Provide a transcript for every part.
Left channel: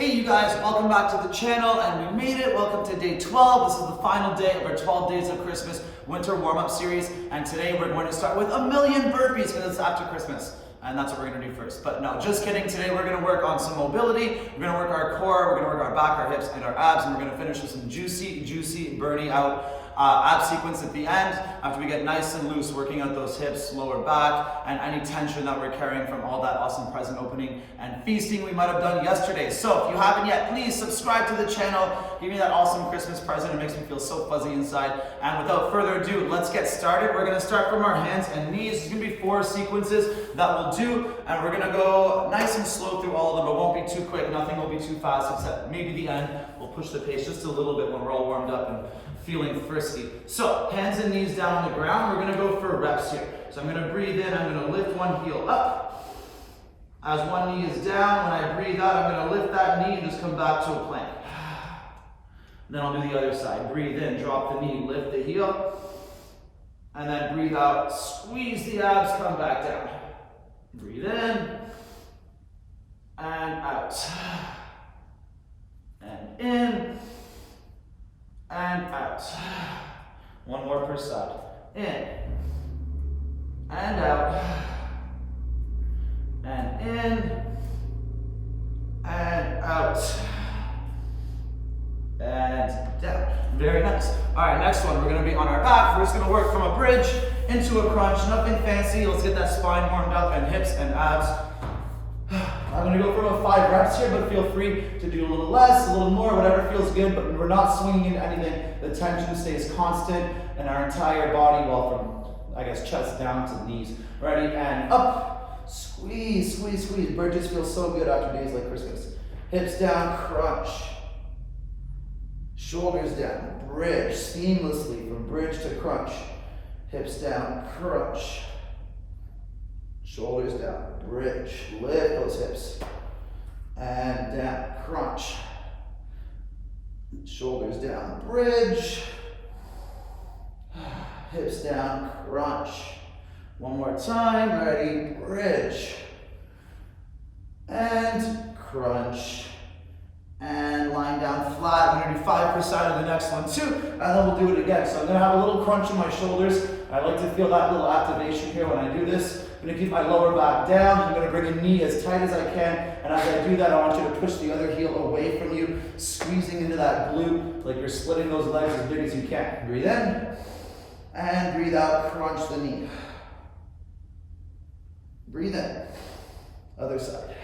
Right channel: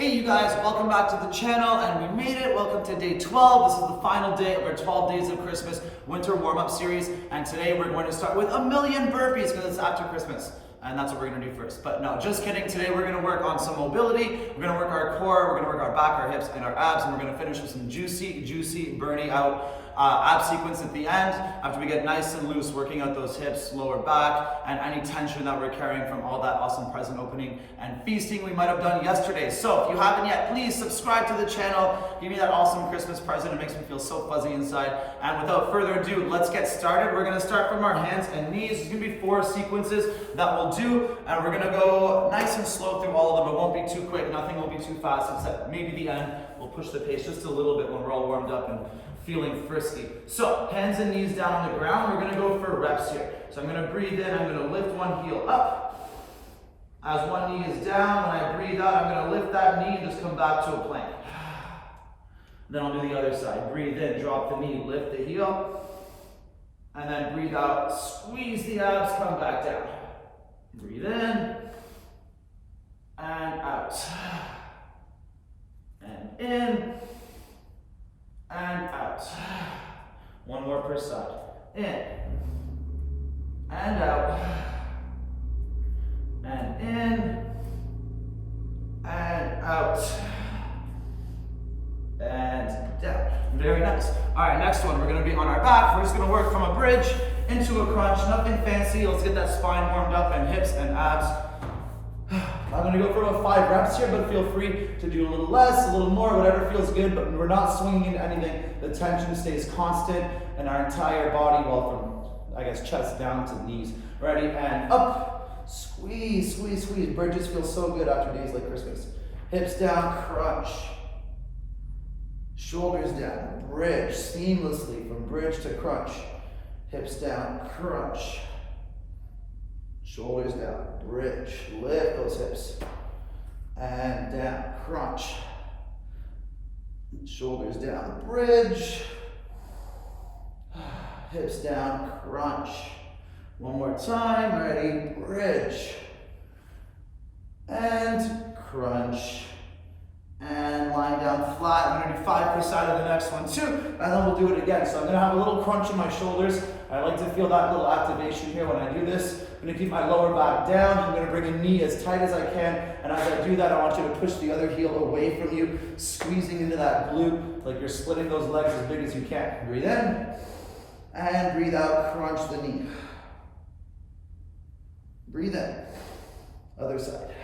Hey you guys, welcome back to the channel, and we made it. Welcome to day 12. This is the final day of our 12 Days of Christmas winter warm-up series, and today we're going to start with 1,000,000 burpees because it's after Christmas, and that's what we're going to do first. But no, just kidding. Today we're going to work on some mobility, we're going to work our core, we're going to work our back, our hips, and our abs, and we're going to finish with some juicy, burning out ab sequence at the end after we get nice and loose, working out those hips, lower back, and any tension that we're carrying from all that awesome present opening and feasting we might have done yesterday. So if you haven't yet, please subscribe to the channel, give me that awesome Christmas present. It makes me feel so fuzzy inside. And without further ado, let's get started. We're going to start from our hands and knees. There's going to be 4 sequences that we'll do, and we're going to go nice and slow through all of them. It won't be too quick, nothing will be too fast, except maybe the end. We'll push the pace just a little bit when we're all warmed up and feeling frisky. So hands and knees down on the ground. We're going to go for reps here. So I'm going to breathe in. I'm going to lift one heel up. As one knee is down, when I breathe out, I'm going to lift that knee and just come back to a plank. Then I'll do the other side. Breathe in, drop the knee, lift the heel. And then breathe out, squeeze the abs, come back down. Breathe in. And out. And in. And out. One more per side. In. And out. And in. And out. And down. Very nice. All right, next one. We're going to be on our back. We're just going to work from a bridge into a crunch. Nothing fancy. Let's get that spine warmed up and hips and abs. I'm going to go for about 5 reps here, but feel free to do a little less, a little more, whatever feels good, but we're not swinging into anything. The tension stays constant in our entire body, well, from, I guess, chest down to the knees. Ready, and up. Squeeze, squeeze, squeeze. Bridges feel so good after days like Christmas. Hips down, crunch. Shoulders down, bridge seamlessly from bridge to crunch. Hips down, crunch. Shoulders down, bridge, lift those hips, and down, crunch. Shoulders down, bridge, hips down, crunch. One more time, ready, bridge, and crunch, and lying down flat. I'm going to do 5% of the next one too, and then we'll do it again. So I'm going to have a little crunch in my shoulders. I like to feel that little activation here when I do this. I'm going to keep my lower back down. I'm going to bring a knee as tight as I can. And as I do that, I want you to push the other heel away from you, squeezing into that glute like you're splitting those legs as big as you can. Breathe in and breathe out. Crunch the knee. Breathe in. Other side.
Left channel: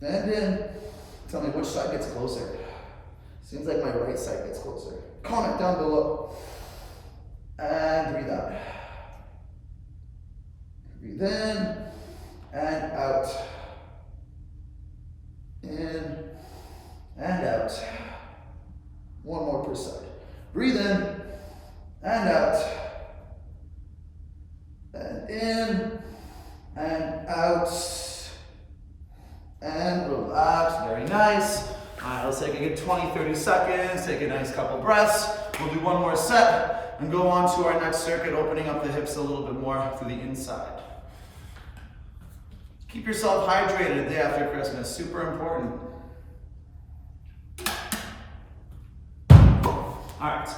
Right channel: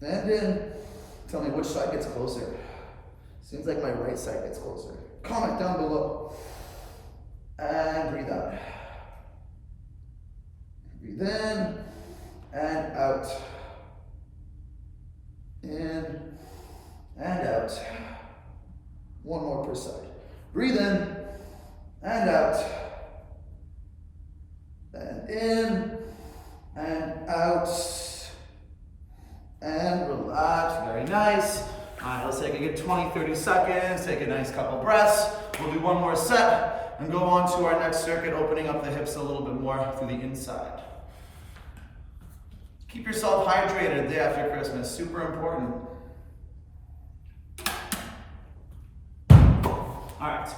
And in. Tell me which side gets closer. Seems like my right side gets closer. Comment down below. And breathe out. Breathe in and out. In and out. One more per side. Breathe in and out. And in and out. And relax. Very nice. All right, let's take a good 20-30 seconds. Take a nice couple breaths. We'll do one more set and go on to our next circuit, opening up the hips a little bit more through the inside. Keep yourself hydrated the day after Christmas, super important. All right,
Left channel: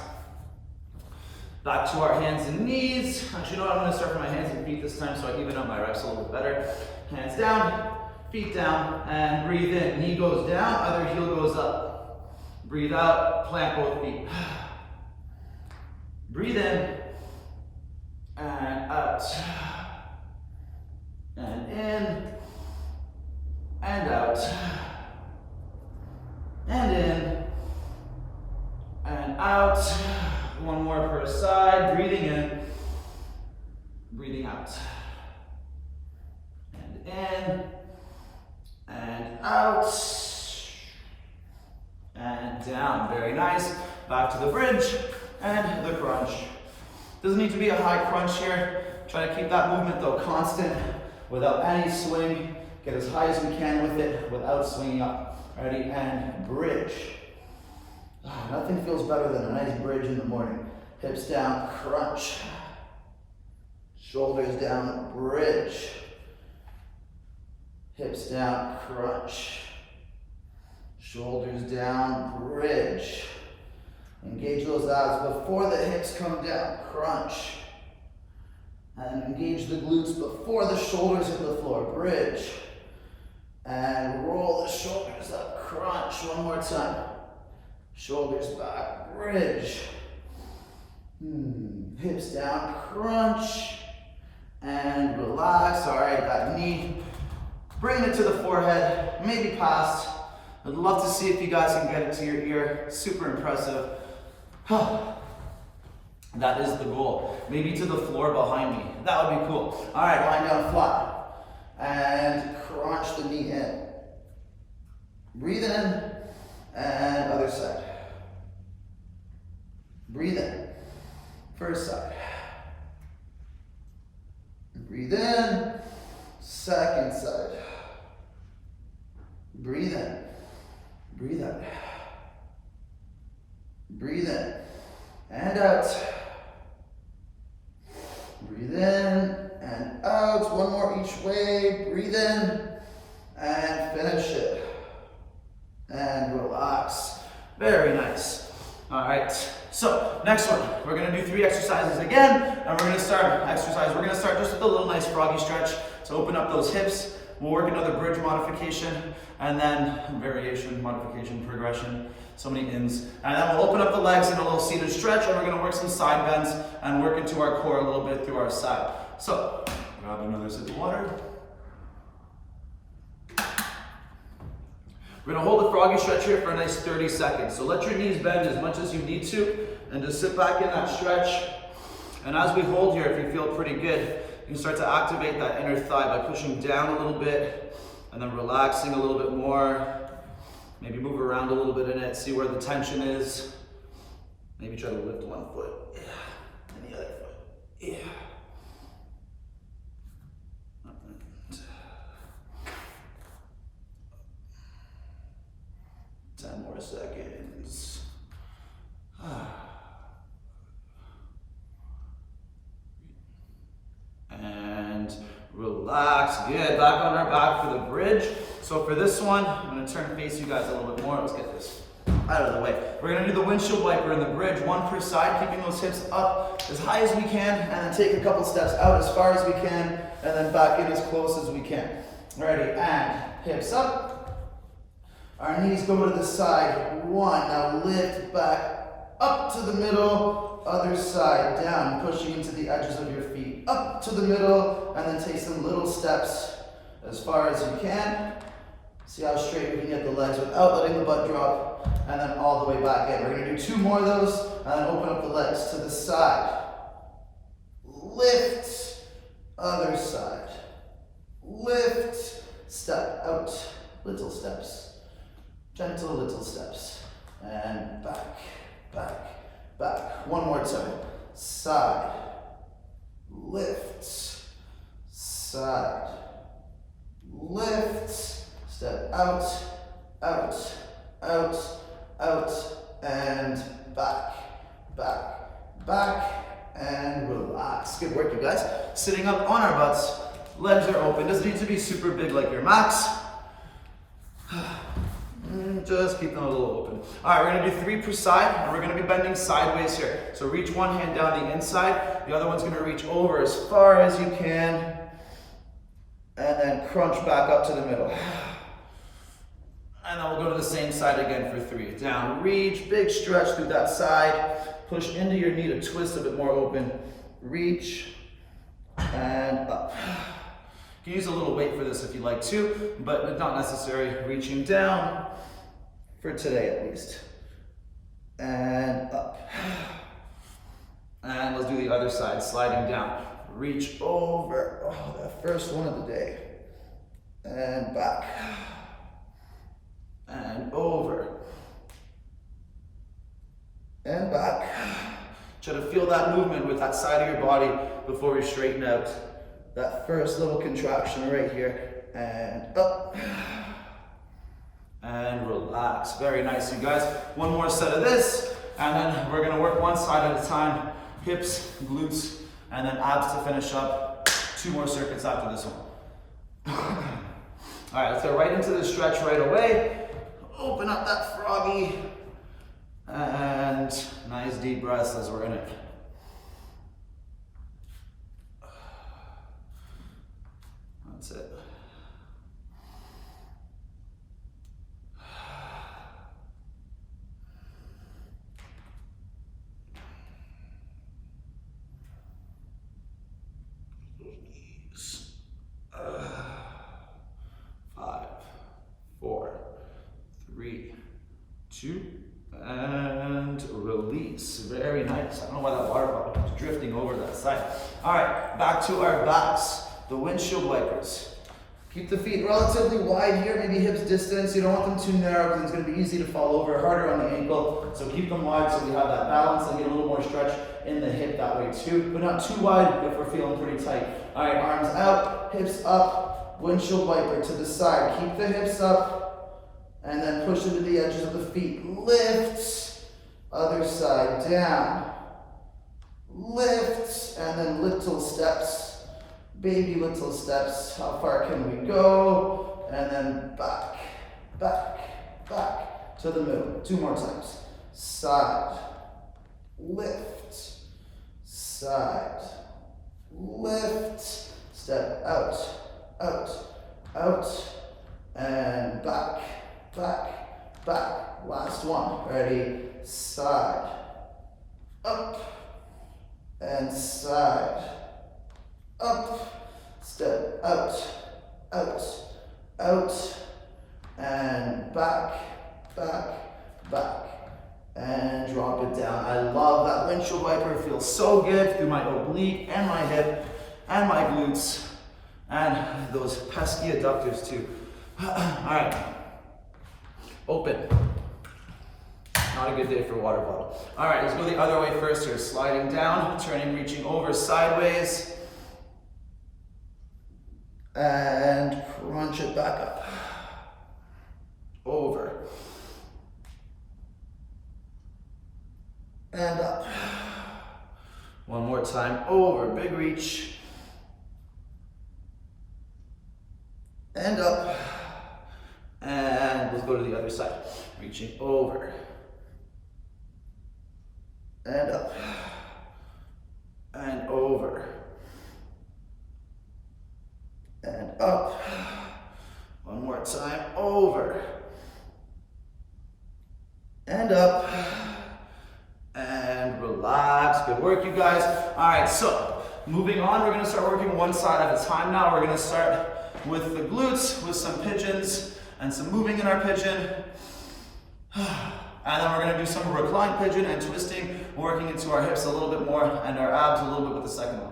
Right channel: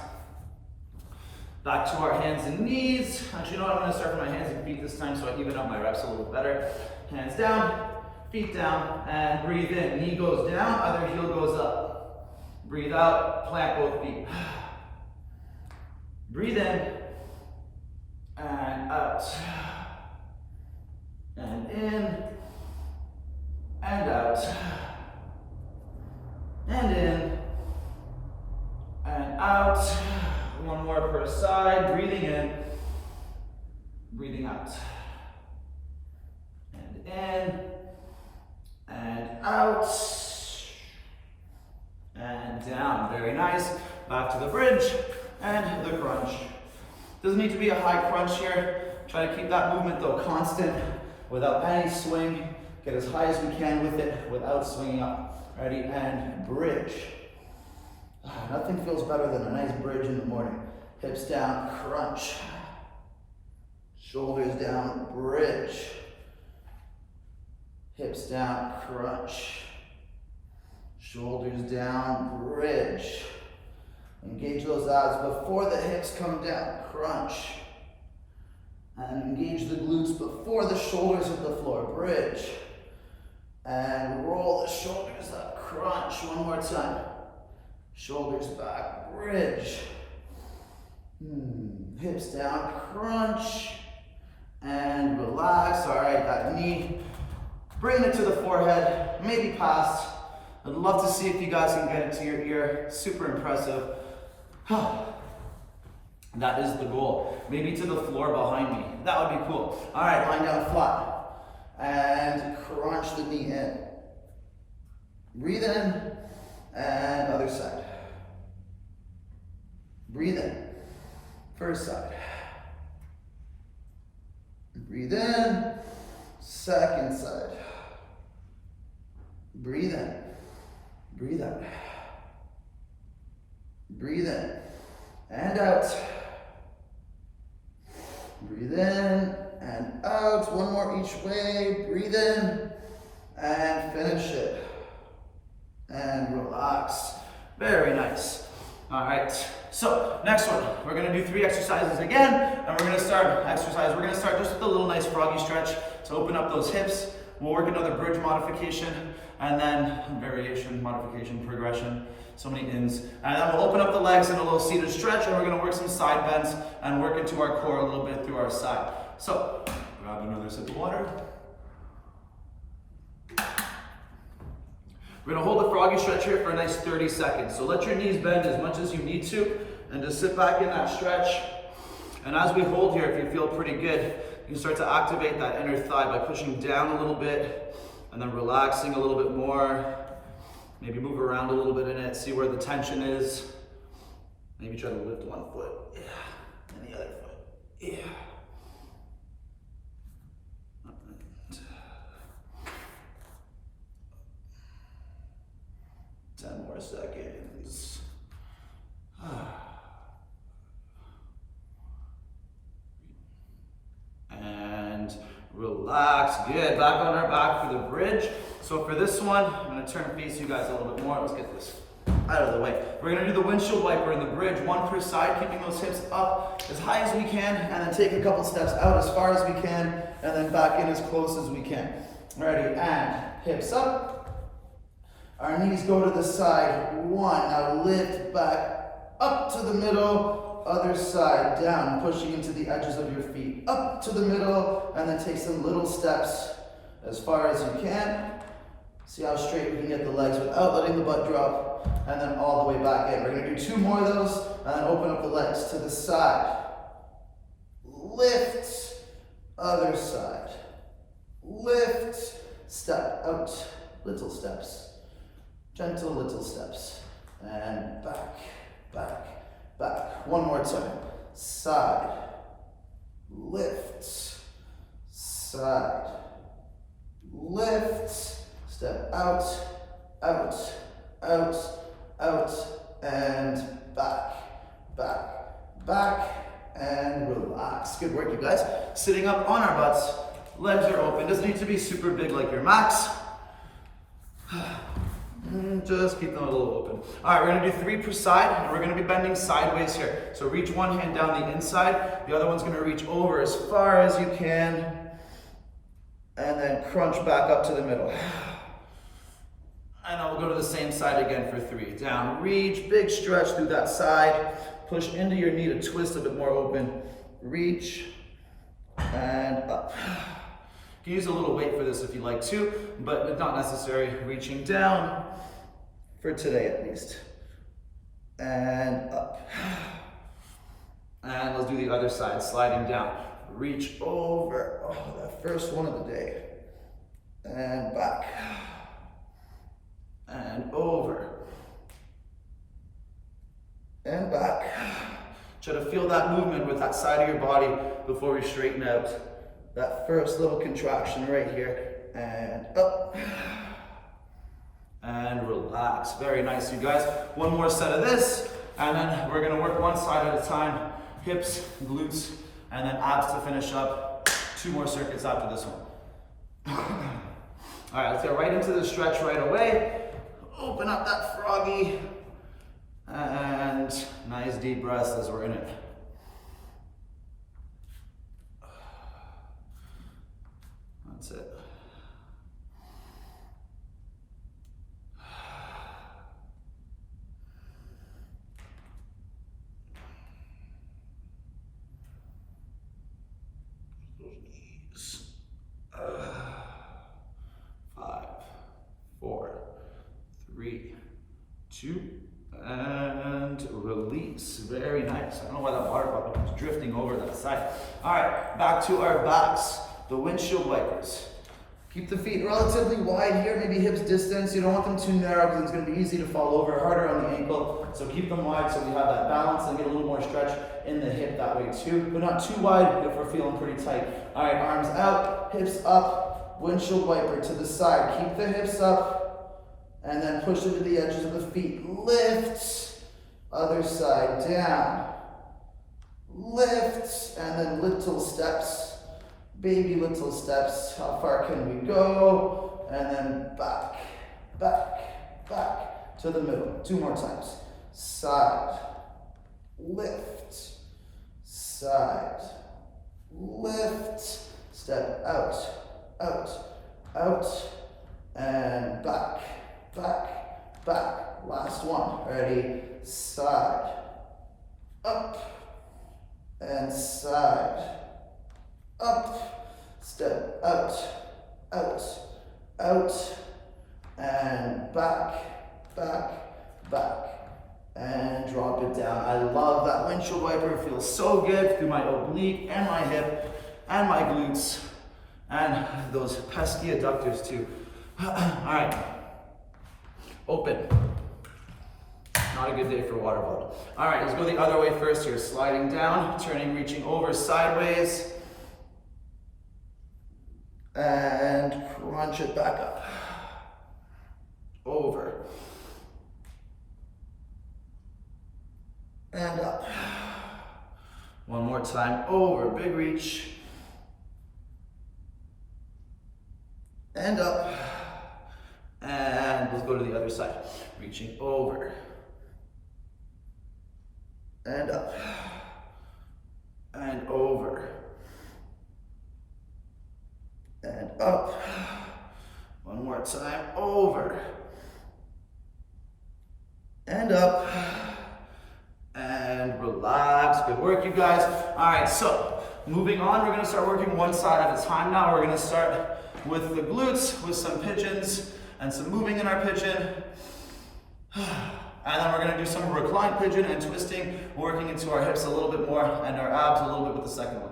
back to our hands and knees. Actually, you know what, I'm gonna start from my hands and feet this time so I even out my reps a little bit better. Hands down, feet down, and breathe in. Knee goes down, other heel goes up. Breathe out, plant both feet. Breathe in, and out. And in, and out, and in, and out. One more per side, breathing in, breathing out. And in, and out, and down. Very nice. Back to the bridge and the crunch. Doesn't need to be a high crunch here. Try to keep that movement though constant, without any swing. Get as high as we can with it without swinging up. Ready, and bridge. Nothing feels better than a nice bridge in the morning. Hips down, crunch. Shoulders down, bridge. Hips down, crunch. Shoulders down, bridge. Engage those abs before the hips come down, crunch. And engage the glutes before the shoulders hit the floor, bridge. And roll the shoulders up, crunch. One more time. Shoulders back, bridge. Hips down, crunch. And relax. All right, that knee. Bring it to the forehead, maybe past. I'd love to see if you guys can get it to your ear. Super impressive. That is the goal. Maybe to the floor behind me. That would be cool. All right, lying down flat. And crunch the knee in. Breathe in. And other side. Breathe in. First side. Breathe in. Second side. Breathe in. Breathe out. Breathe in. And out. Breathe in and out. One more each way. Breathe in and finish it. And relax. Very nice. All right. So next one, we're going to do 3 exercises again, and we're going to start just with a little nice froggy stretch to open up those hips. We'll work another bridge modification, and then variation, modification, progression, so many ins. And then we'll open up the legs in a little seated stretch, and we're going to work some side bends and work into our core a little bit through our side. So grab another sip of water. We're going to hold the froggy stretch here for a nice 30 seconds. So let your knees bend as much as you need to, and just sit back in that stretch. And as we hold here, if you feel pretty good, you can start to activate that inner thigh by pushing down a little bit, and then relaxing a little bit more. Maybe move around a little bit in it, see where the tension is. Maybe try to lift one foot, and the other foot, 10 more seconds. And relax. Good. Back on our back for the bridge. So for this one, I'm going to turn and face you guys a little bit more. Let's get this out of the way. We're going to do the windshield wiper in the bridge, one per side, keeping those hips up as high as we can, and then take a couple steps out as far as we can, and then back in as close as we can. Ready? And hips up. Our knees go to the side. 1. Now lift back up to the middle. Other side, down, pushing into the edges of your feet. Up to the middle, and then take some little steps as far as you can. See how straight we can get the legs without letting the butt drop, and then all the way back in. We're going to do 2 more of those, and then open up the legs to the side. Lift, other side. Lift, step out, little steps. Gentle little steps. And back, back, back. One more time. Side. Lift. Side. Lift. Step out, out, out, out, and back, back, back, and relax. Good work, you guys. Sitting up on our butts. Legs are open. Doesn't need to be super big like your max. Just keep them a little open. All right, we're going to do 3 per side, and we're going to be bending sideways here. So reach one hand down the inside. The other one's going to reach over as far as you can, and then crunch back up to the middle. And then we'll go to the same side again for 3. Down, reach, big stretch through that side. Push into your knee to twist a bit more open. Reach, and up. You can use a little weight for this if you like to, but not necessary. Reaching down, for today at least. And up. And let's do the other side, sliding down. Reach over, oh, that first one of the day. And back. And over. And back. Try to feel that movement with that side of your body before we straighten out. That first little contraction right here. And up. And relax. Very nice, you guys. One more set of this, and then we're gonna work one side at a time. Hips, glutes, and then abs to finish up. 2 more circuits after this one. All right, let's get right into the stretch right away. Open up that froggy. And nice deep breaths as we're in it. That's it. Knees. 5, 4, 3, 2, and release. Very nice. I don't know why that water bottle was drifting over that side. All right, back to our backs. The windshield wipers. Keep the feet relatively wide here, maybe hips distance. You don't want them too narrow because it's going to be easy to fall over, harder on the ankle. So keep them wide so we have that balance and get a little more stretch in the hip that way too, but not too wide if we're feeling pretty tight. All right, arms out, hips up, windshield wiper to the side. Keep the hips up and then push into the edges of the feet. Lift, other side, down. Lift, and then little steps. Baby little steps. How far can we go? And then back, back, back to the middle. 2 more times. Side, lift, side, lift, step out, out, out, and back, back, back. Last one. Ready? Side, up, and side, up, step out, out, out, and back, back, back, and drop it down. I love that windshield wiper. It feels so good through my oblique and my hip and my glutes and those pesky adductors too. All right, open. Not a good day for a water bottle. All right, let's go the other way first here. Sliding down, turning, reaching over sideways. And crunch it back up. Over. And up. One more time. Over. Big reach. And up. And let's go to the other side. Reaching over. And up. And over. And up. One more time. Over. And up. And relax. Good work, you guys. All right, so moving on, we're going to start working one side at a time now. We're going to start with the glutes, with some pigeons and some moving in our pigeon. And then we're going to do some reclined pigeon and twisting, working into our hips a little bit more and our abs a little bit with the second one.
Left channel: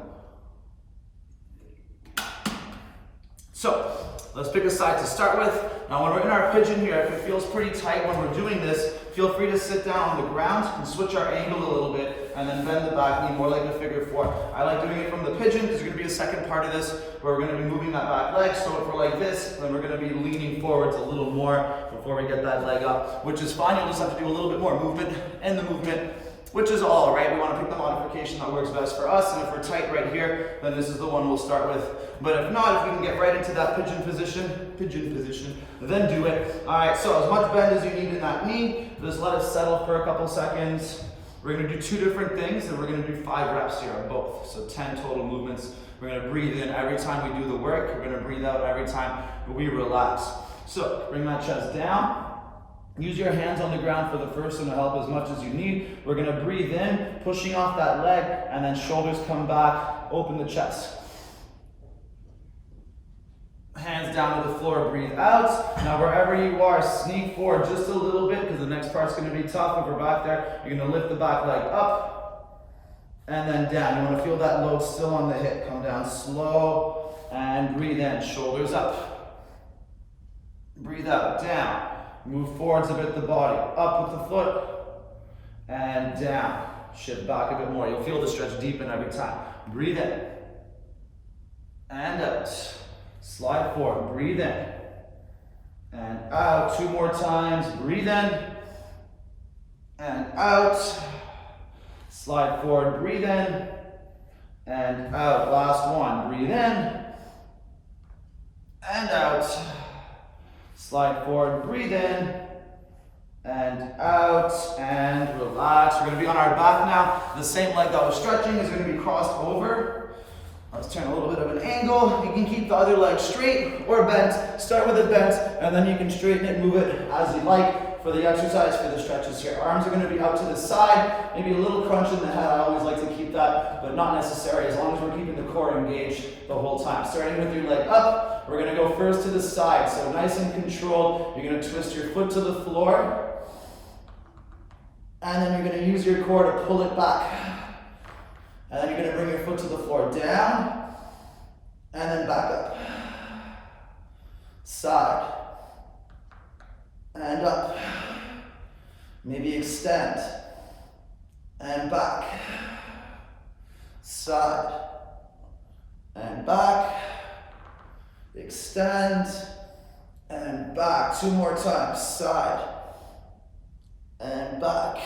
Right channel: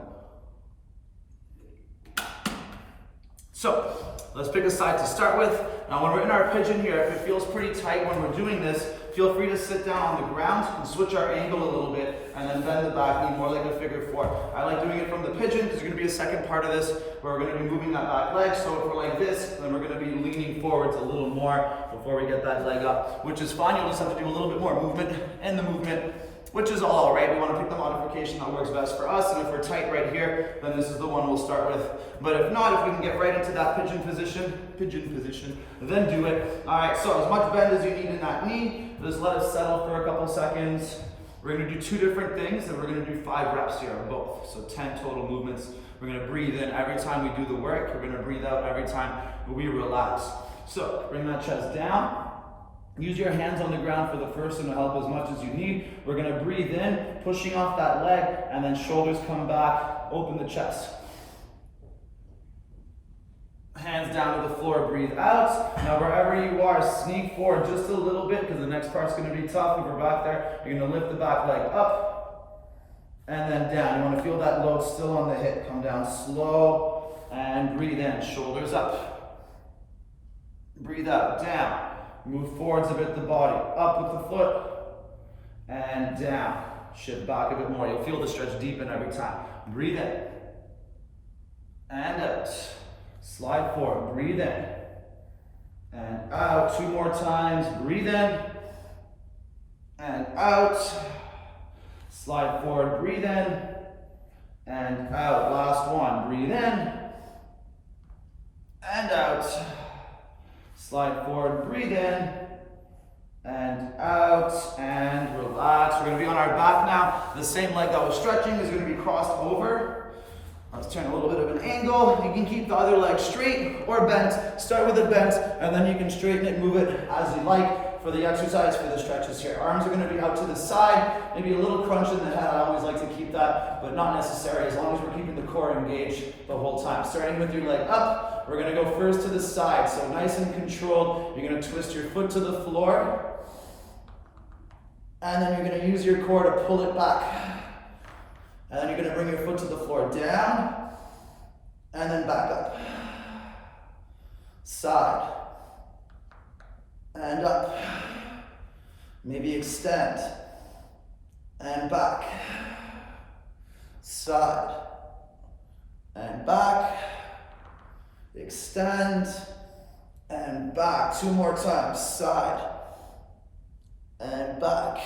So let's pick a side to start with. Now when we're in our pigeon here, if it feels pretty tight when we're doing this, feel free to sit down on the ground and switch our angle a little bit and then bend the back knee more like a figure 4. I like doing it from the pigeon because there's going to be a second part of this where we're going to be moving that back leg. So if we're like this, then we're going to be leaning forwards a little more before we get that leg up, which is fine. You'll just have to do a little bit more movement in the movement, which is all, right? We want to pick the modification that works best for us, and if we're tight right here, then this is the one we'll start with. But if not, if we can get right into that pigeon position, then do it. All right, so as much bend as you need in that knee, just let it settle for a couple seconds. We're gonna do 2 different things, and we're gonna do 5 reps here on both, so 10 total movements. We're gonna breathe in every time we do the work. We're gonna breathe out every time we relax. So bring that chest down. Use your hands on the ground for the first one to help as much as you need. We're going to breathe in, pushing off that leg, and then shoulders come back, open the chest. Hands down to the floor, breathe out. Now wherever you are, sneak forward just a little bit because the next part's going to be tough. If we're back there, you're going to lift the back leg up and then down. You want to feel that load still on the hip. Come down slow and breathe in. Shoulders up. Breathe out, down. Move forwards a bit the body, up with the foot, and down. Shift back a bit more. You'll feel the stretch deepen every time. Breathe in, and out. Slide forward, breathe in, and out. 2 more times, breathe in, and out. Slide forward, breathe in, and out. Last one, breathe in, and out. Slide forward, breathe in, and out, and relax. We're gonna be on our back now. The same leg that was stretching is gonna be crossed over. Let's turn a little bit of an angle. You can keep the other leg straight or bent. Start with it bent, and then you can straighten it, move it as you like for the exercise, for the stretches here. Arms are gonna be out to the side, maybe a little crunch in the head. I always like to keep that, but not necessary, as long as we're keeping the core engaged the whole time. Starting with your leg up, we're gonna go first to the side, so nice and controlled. You're gonna twist your foot to the floor, and then you're gonna use your core to pull it back. And then you're gonna bring your foot to the floor, down, and then back up. Side, and up. Maybe extend, and back. Side, and back. Extend, and back. 2 more times, side, and back.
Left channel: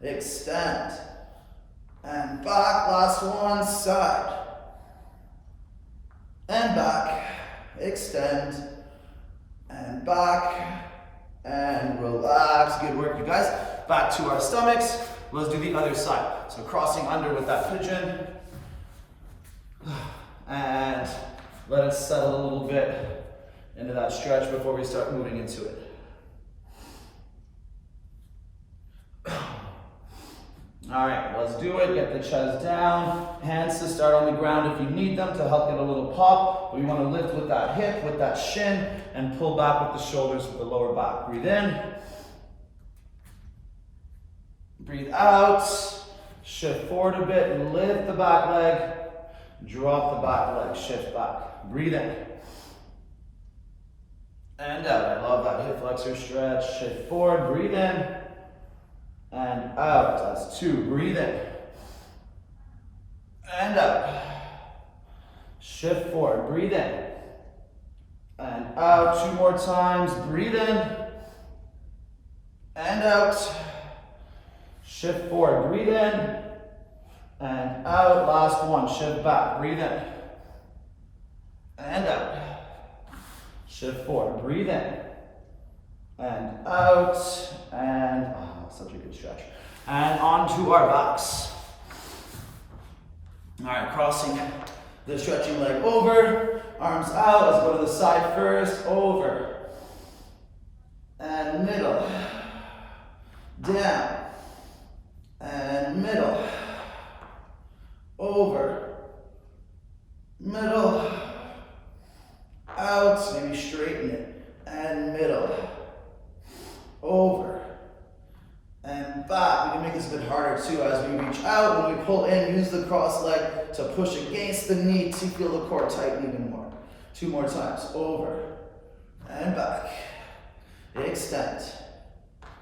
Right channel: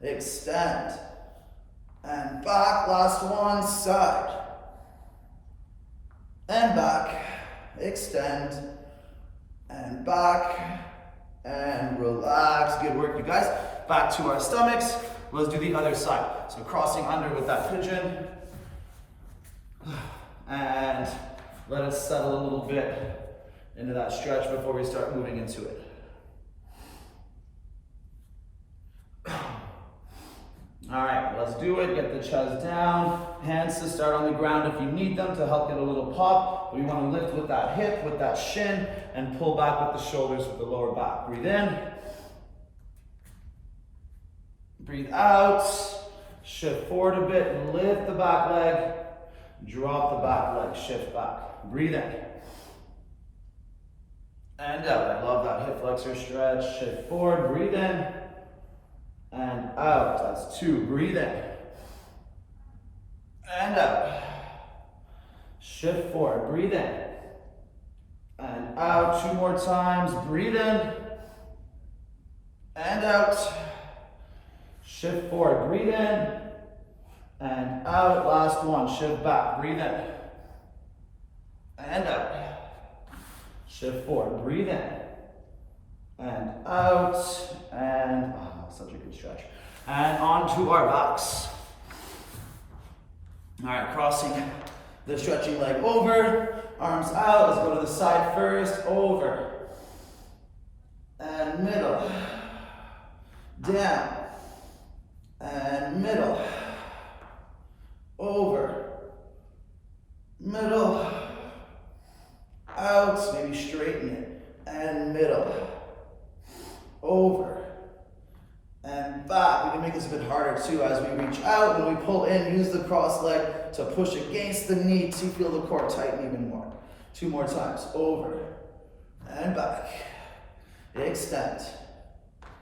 Extend, and back. Last one, side, and back. Extend, and back, and relax. Good work, you guys. Back to our stomachs. Let's do the other side. So crossing under with that pigeon, and let it settle a little bit into that stretch before we start moving into it. All right, let's do it. Get the chest down. Hands to start on the ground if you need them to help get a little pop. We want to lift with that hip, with that shin, and pull back with the shoulders, with the lower back. Breathe in. Breathe out. Shift forward a bit and lift the back leg. Drop the back leg, shift back. Breathe in. And out. I love that hip flexor stretch. Shift forward, breathe in. And out. That's 2. Breathe in. And out. Shift forward. Breathe in. And out. 2 more times. Breathe in. And out. Shift forward. Breathe in. And out. Last one. Shift back. Breathe in. And out. Shift forward. Breathe in. And out. And such a good stretch. And onto our backs. All right, crossing the stretching leg over, arms out. Let's go to the side first, over, and middle, down, and middle, over, middle, out, maybe straighten it, and middle, over, and back. We can make this a bit harder too as we reach out. When we pull in, use the cross leg to push against the knee to feel the core tighten even more. 2 more times. Over and back. Extend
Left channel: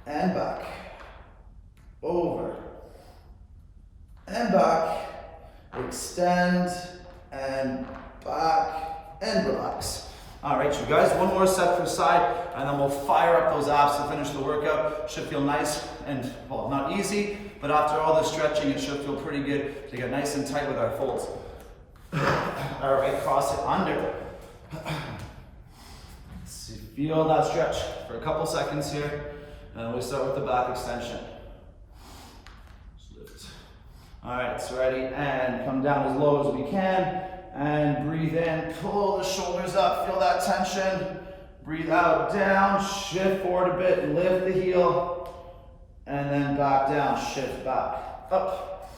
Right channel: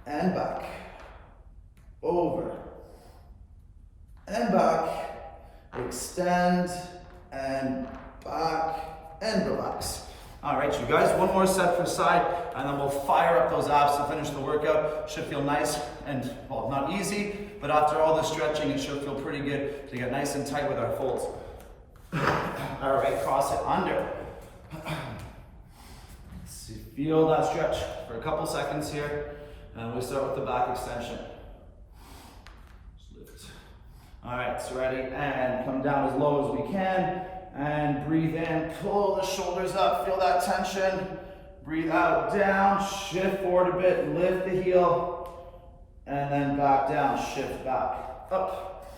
and back. Over and back. Extend and back and relax. All right, you guys, 1 more set per side, and then we'll fire up those abs to finish the workout. Should feel nice and, well, not easy, but after all the stretching, it should feel pretty good to get nice and tight with our folds. All right, cross it under. Feel that stretch for a couple seconds here, and we start with the back extension. Just lift. All right, so ready, and come down as low as we can. And breathe in, pull the shoulders up, feel that tension. Breathe out, down, shift forward a bit, lift the heel, and then back down, shift back, up,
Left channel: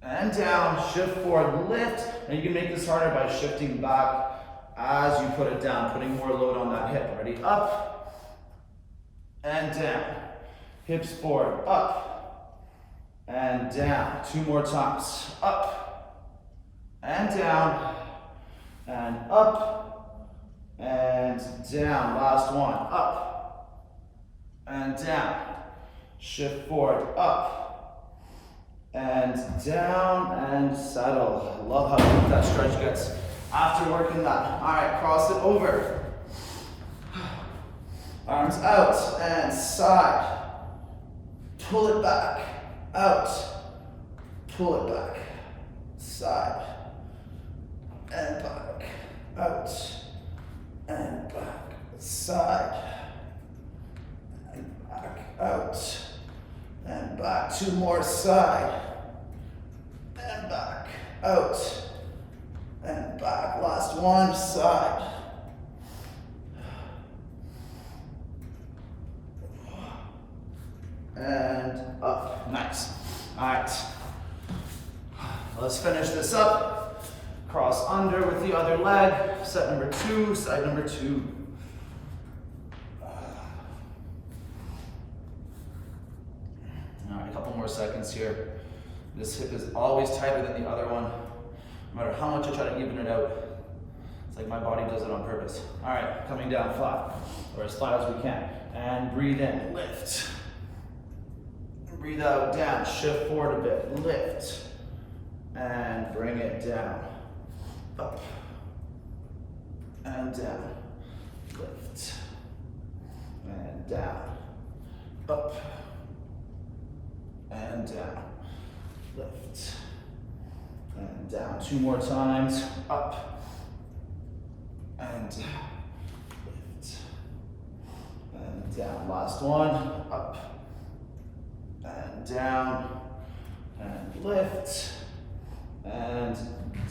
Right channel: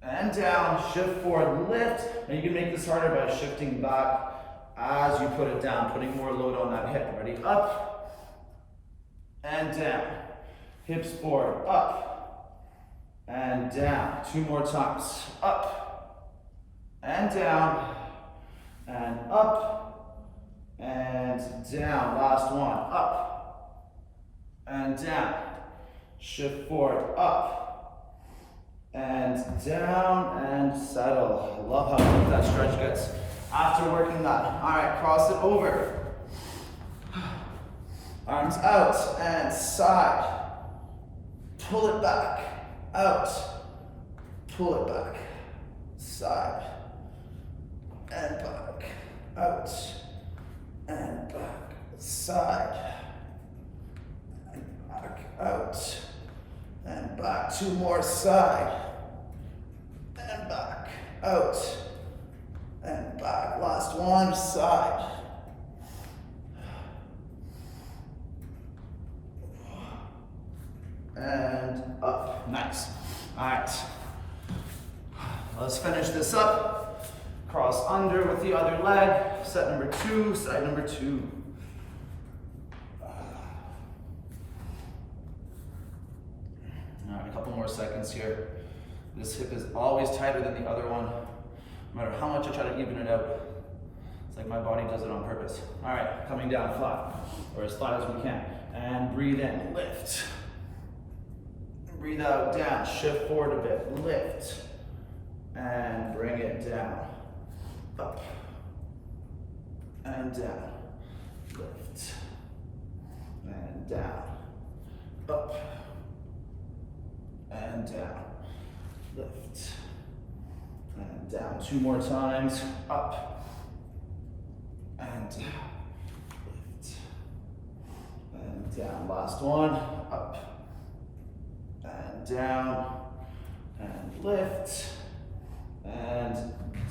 and down, shift forward, lift. And you can make this harder by shifting back as you put it down, putting more load on that hip. Ready, up, and down, hips forward, up, and down. 2 more times, up, and down, and up, and down. Last one, up, and down. Shift forward, up, and down, and settle. I love how deep that stretch gets after working that. All right, cross it over. Arms out, and side. Pull it back, out. Pull it back, side. And back, out, and side, and back, out, and back. 2 more, side, and back, out, and back. Last one, side. And up, nice. All right, let's finish this up. Cross under with the other leg, set number 2, side number 2. All right, a couple more seconds here. This hip is always tighter than the other one. No matter how much I try to even it out, it's like my body does it on purpose. All right, coming down flat, or as flat as we can. And breathe in, lift. Breathe out, down, shift forward a bit, lift, and bring it down, up, and down, lift, and down, up, and down, lift, and down. 2 more times, up, and down, lift, and down. Last one, up, and down, and lift, and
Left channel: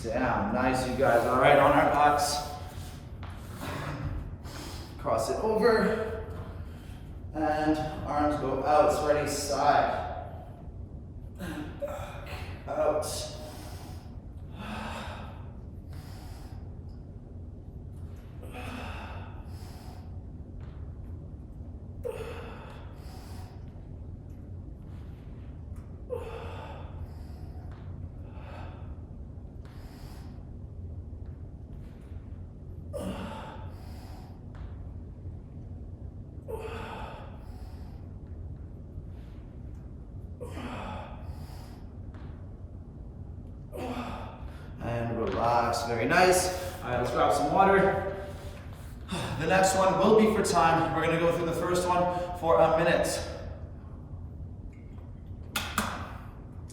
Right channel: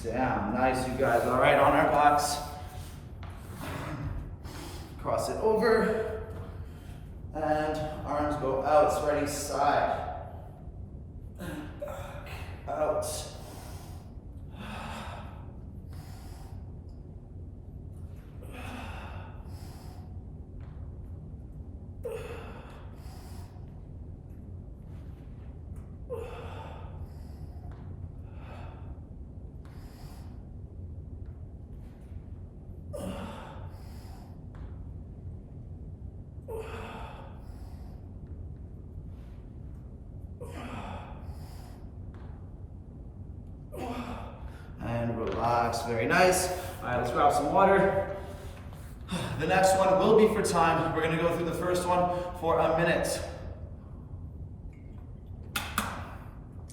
down. Nice, you guys. All right, on our backs. Cross it over, and arms go out. Ready, side, back, out. And relax, very nice. All right, let's grab some water. The next one will be for time. We're gonna go through the first one for a minute.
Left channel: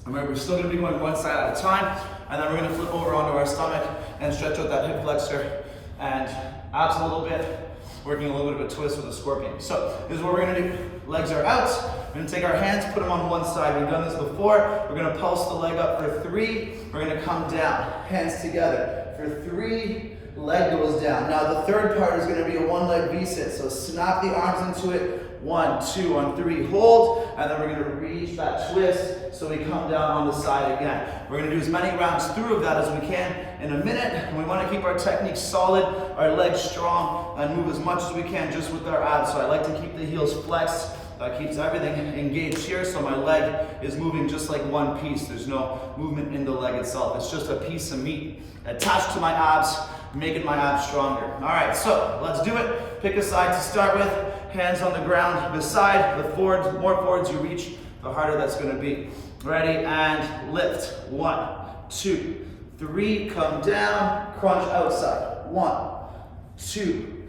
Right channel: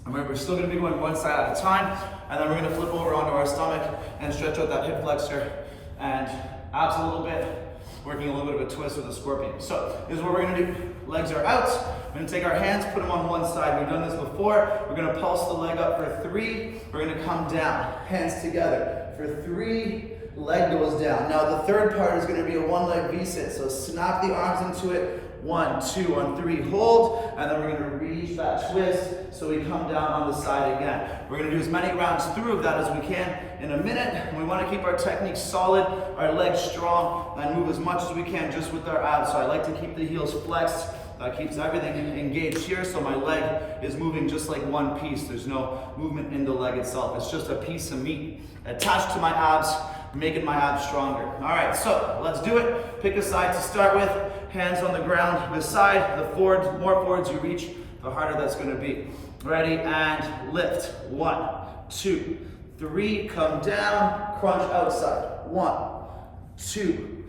Remember, we're still gonna be going one side at a time, and then we're gonna flip over onto our stomach and stretch out that hip flexor and abs a little bit, working a little bit of a twist with a scorpion. So this is what we're gonna do. Legs are out. We're gonna take our hands, put them on one side. We've done this before. We're gonna pulse the leg up for 3. We're gonna come down, hands together. For 3, leg goes down. Now the third part is gonna be a 1-leg V-sit. So snap the arms into it. 1, 2, on 3, hold. And then we're gonna reach that twist so we come down on the side again. We're gonna do as many rounds through of that as we can in a minute. And we wanna keep our technique solid, our legs strong, and move as much as we can just with our abs. So I like to keep the heels flexed. That keeps everything engaged here, so my leg is moving just like one piece. There's no movement in the leg itself. It's just a piece of meat attached to my abs, making my abs stronger. All right, so let's do it. Pick a side to start with. Hands on the ground beside the forwards. The more forwards you reach, the harder that's gonna be. Ready, and lift. 1, 2, 3, come down, crunch outside. 1, 2,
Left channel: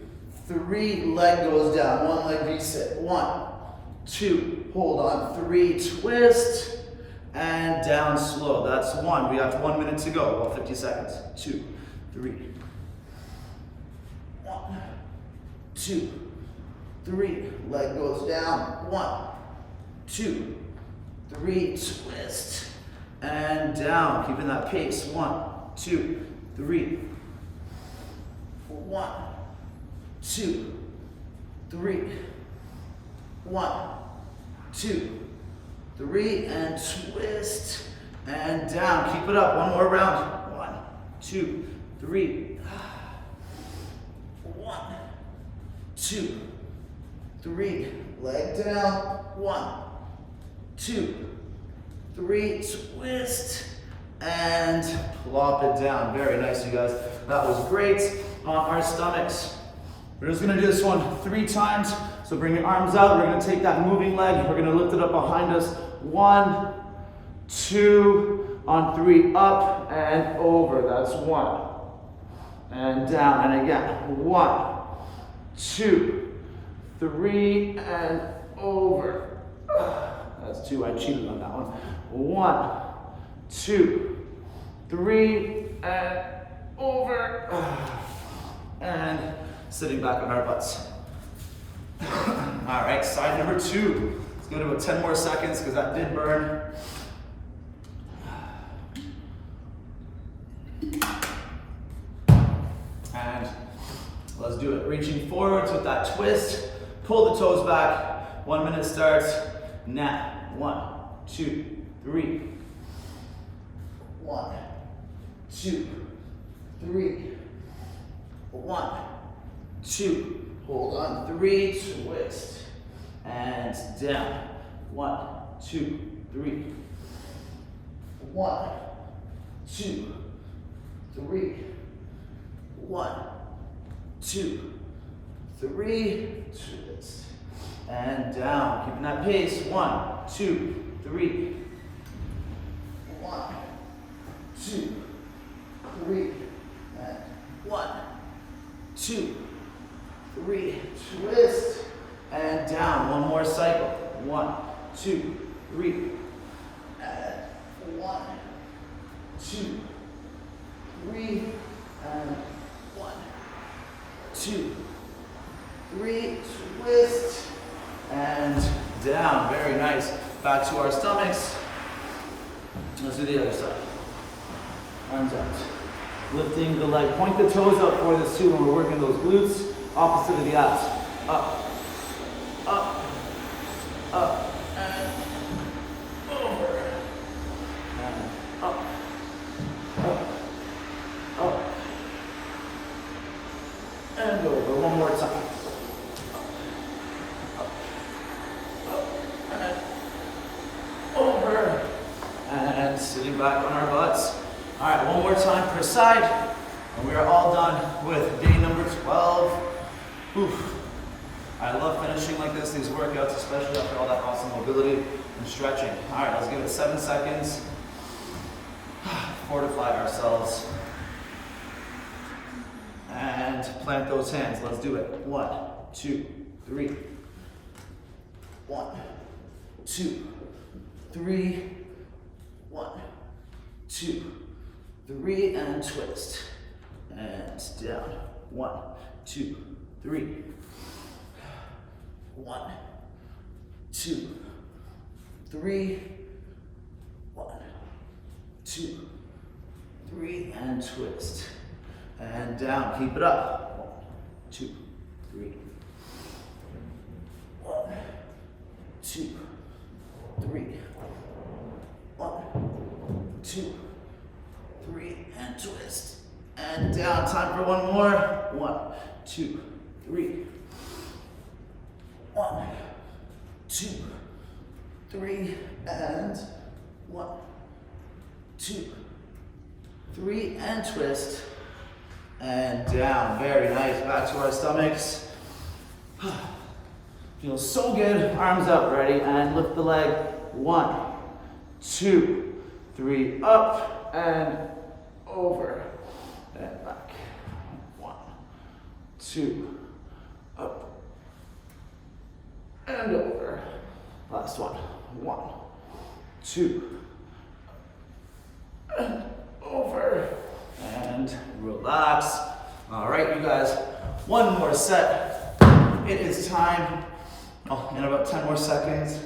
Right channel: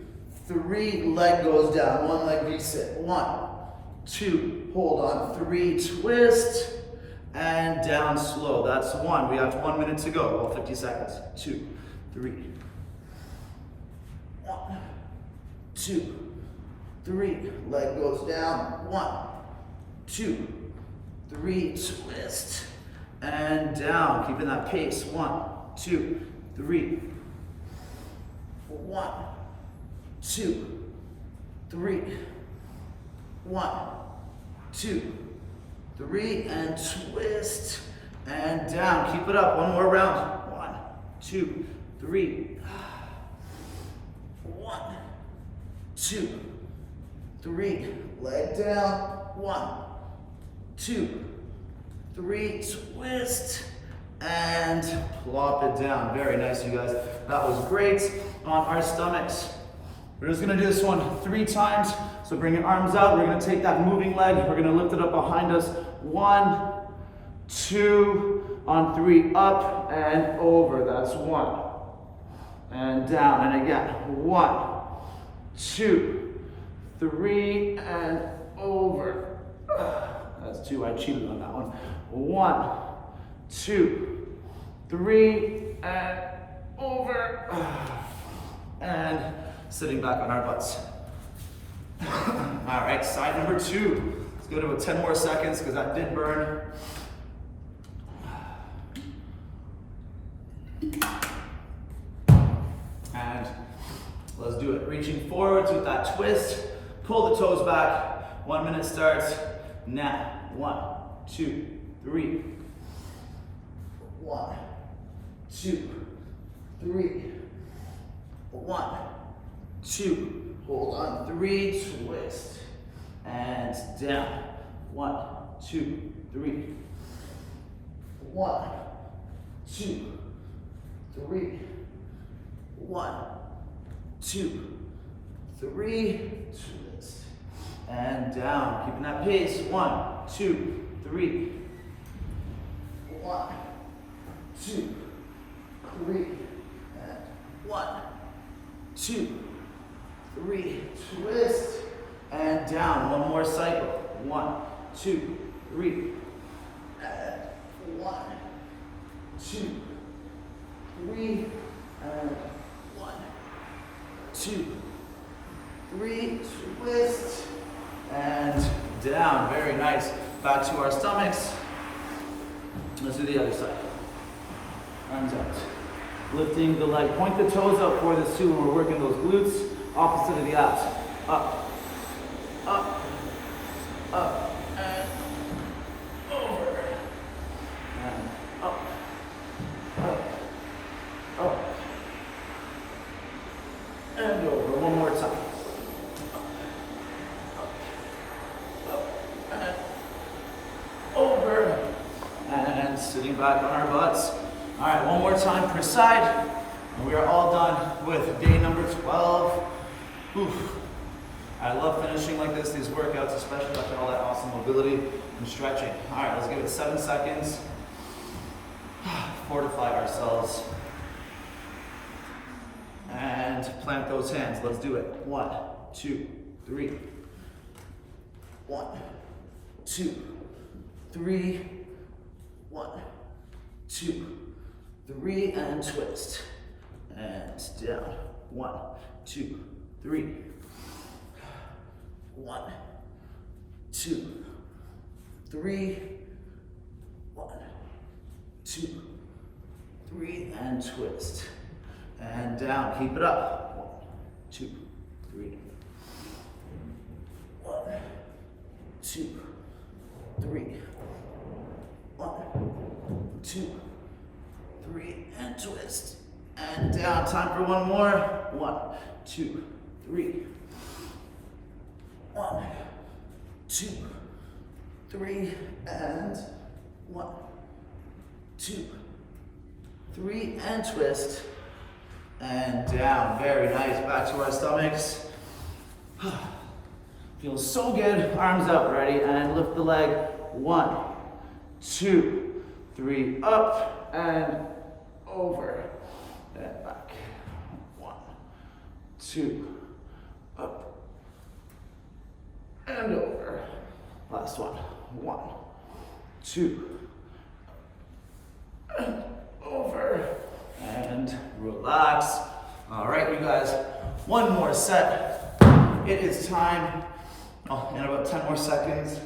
3, leg goes down. 1-leg V-sit. 1, 2, hold on, 3, twist, and down slow. That's 1. We have 1 minute to go. Well, 50 seconds. 2, 3. 1, 2, 3. Leg goes down. 1, 2, 3. Twist and down. Keeping that pace. 1, 2, 3. 1, 2, 3. 1, 2, 3, and twist and down. Keep it up. 1 more round. 1, 2, 3. 1, 2, 3. Leg down. 1, 2, 3. Twist and plop it down. Very nice, you guys. That was great. On our stomachs, we're just gonna do this one 3 times. So bring your arms out. We're gonna take that moving leg. We're gonna lift it up behind us. 1, 2, on 3, up and over. That's 1. And down, and again. 1, 2, 3, and over. That's 2. I cheated on that one. 1, 2, 3, and over. And sitting back on our butts. All right, side number 2. Let's go to about 10 more seconds because that did burn. And let's do it. Reaching forwards with that twist. Pull the toes back. 1 minute starts now. 1, 2, 3. 1, 2, 3. 1, 2. Hold on. 3. Twist. And down. 1, 2, 3. 1, 2, 3. 1, 2, 3. Twist. And down. Keeping that pace. 1, 2, 3. 1, 2, 3. And 1, 2, 3. Twist. And down. One more cycle. 1, 2, 3. And 1, 2, 3. And 1, 2, 3. Twist. And down. Very nice. Back to our stomachs. Let's do the other side. Arms out. Lifting the leg. Point the toes up for this too when we're working those glutes. Opposite of the abs. Up. Up. Up. And over. And up. Up. Up. And over. One more time. Up. Up. And over. And sitting back on our butts. All right, one more time per side. And we are all done with day number 12. Oof. I love finishing like this, these workouts, especially after all that awesome mobility and stretching. All right, let's give it 7 seconds. Fortify ourselves. And plant those hands. Let's do it. 1, 2, 3. 1, 2, 3. 1, 2, 3. And twist. And down. 1, 2, 3. 1, 2, 3. 1, 2, 3. And twist. And down. Keep it up. 1, 2, 3. 1, 2, 3. 1, 2, 3. And twist. And down. Time for one more. 1, 2, 3. 1, 2, 3. And 1, 2, 3. And twist. And down. Very nice. Back to our stomachs. Feels so good. Arms up. Ready? And lift the leg. 1, 2, 3. Up and over. And back. 1, 2. Up. And over. Last one. 1, 2. And over. And relax. All right, you guys. One more set. It is time. Oh, in about 10 more seconds.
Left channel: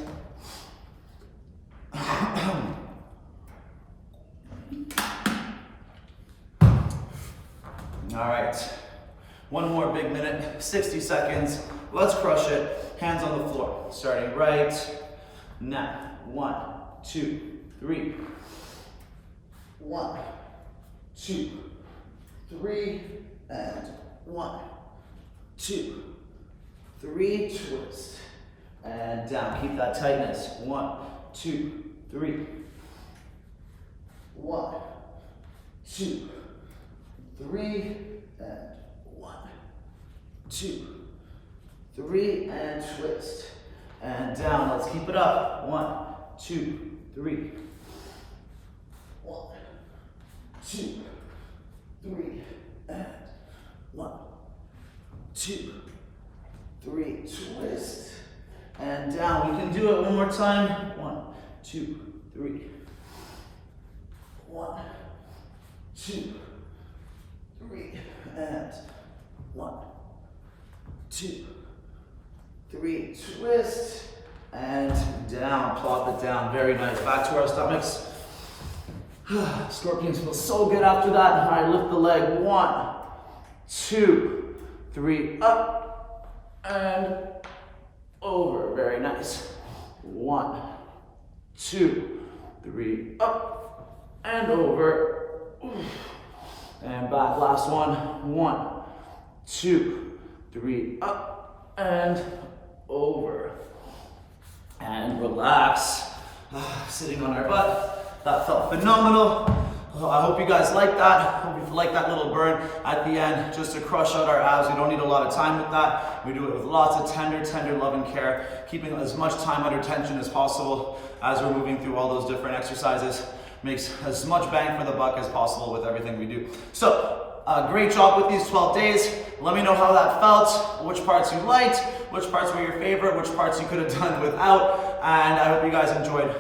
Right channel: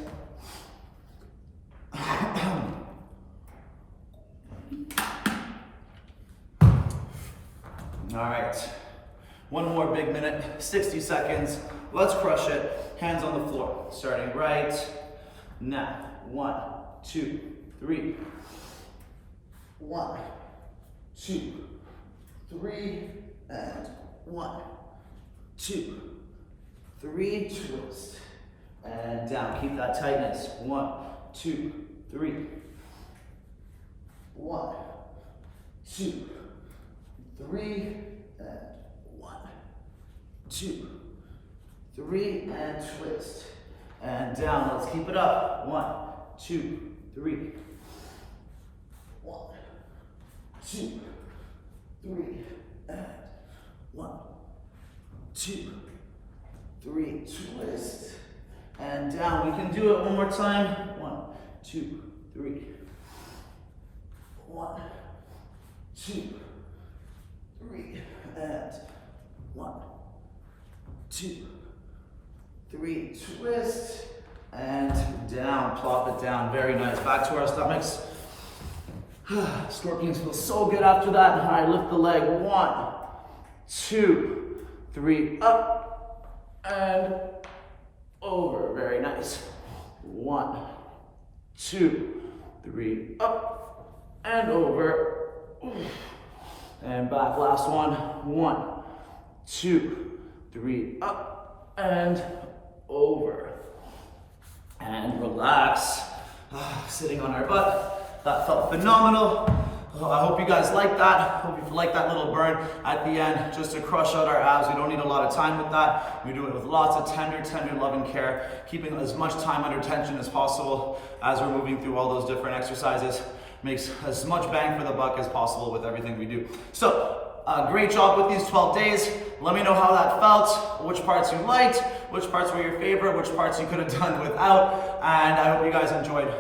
All right. One more big minute. 60 seconds. Let's crush it. Hands on the floor. Starting right now. 1, 2, 3. 1, 2, 3. And 1, 2, 3. Twist. And down. Keep that tightness. 1, 2, 3. 1, 2, 3. And 1, 2, 3. And twist. And down. Let's keep it up. 1, 2, 3. 1, 2, 3. And 1, 2, 3. Twist. And down. We can do it one more time. 1, 2, 3. 1, 2, 3. And 1, 2, 3, twist, and down, plop it down. Very nice. Back to our stomachs. Scorpions feel so good after that. All right, lift the leg. 1, 2, 3, up, and over. Very nice. 1, 2, 3, up, and over. And back, last one. 1, 2, 3, up, and over. And relax. Sitting on our butt. That felt phenomenal. I hope you guys like that. Hope you like that little burn at the end, just to crush out our abs. We don't need a lot of time with that. We do it with lots of tender love and care, keeping as much time under tension as possible as we're moving through all those different exercises. Makes as much bang for the buck as possible with everything we do. So, great job with these 12 days. Let me know how that felt, which parts you liked, which parts were your favorite, which parts you could have done without, and I hope you guys enjoyed,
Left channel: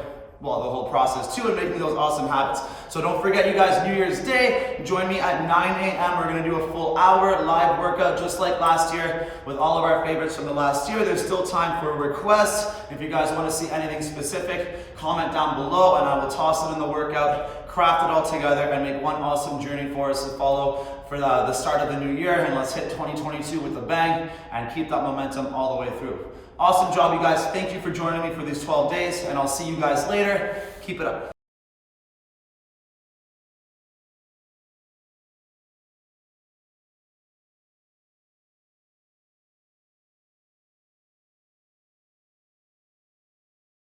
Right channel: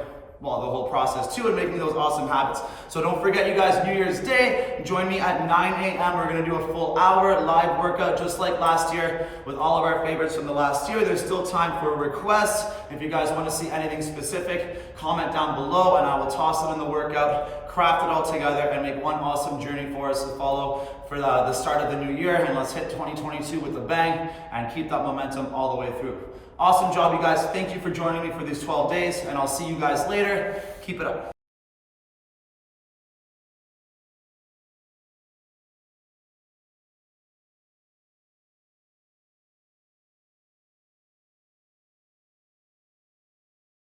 well, the whole process too, and making those awesome habits. So don't forget, you guys, New Year's Day, join me at 9 a.m. We're gonna do a full hour live workout just like last year with all of our favorites from the last year. There's still time for requests. If you guys wanna see anything specific, comment down below and I will toss it in the workout, craft it all together, and make one awesome journey for us to follow for the start of the new year. And let's hit 2022 with a bang and keep that momentum all the way through. Awesome job, you guys. Thank you for joining me for these 12 days, and I'll see you guys later. Keep it up.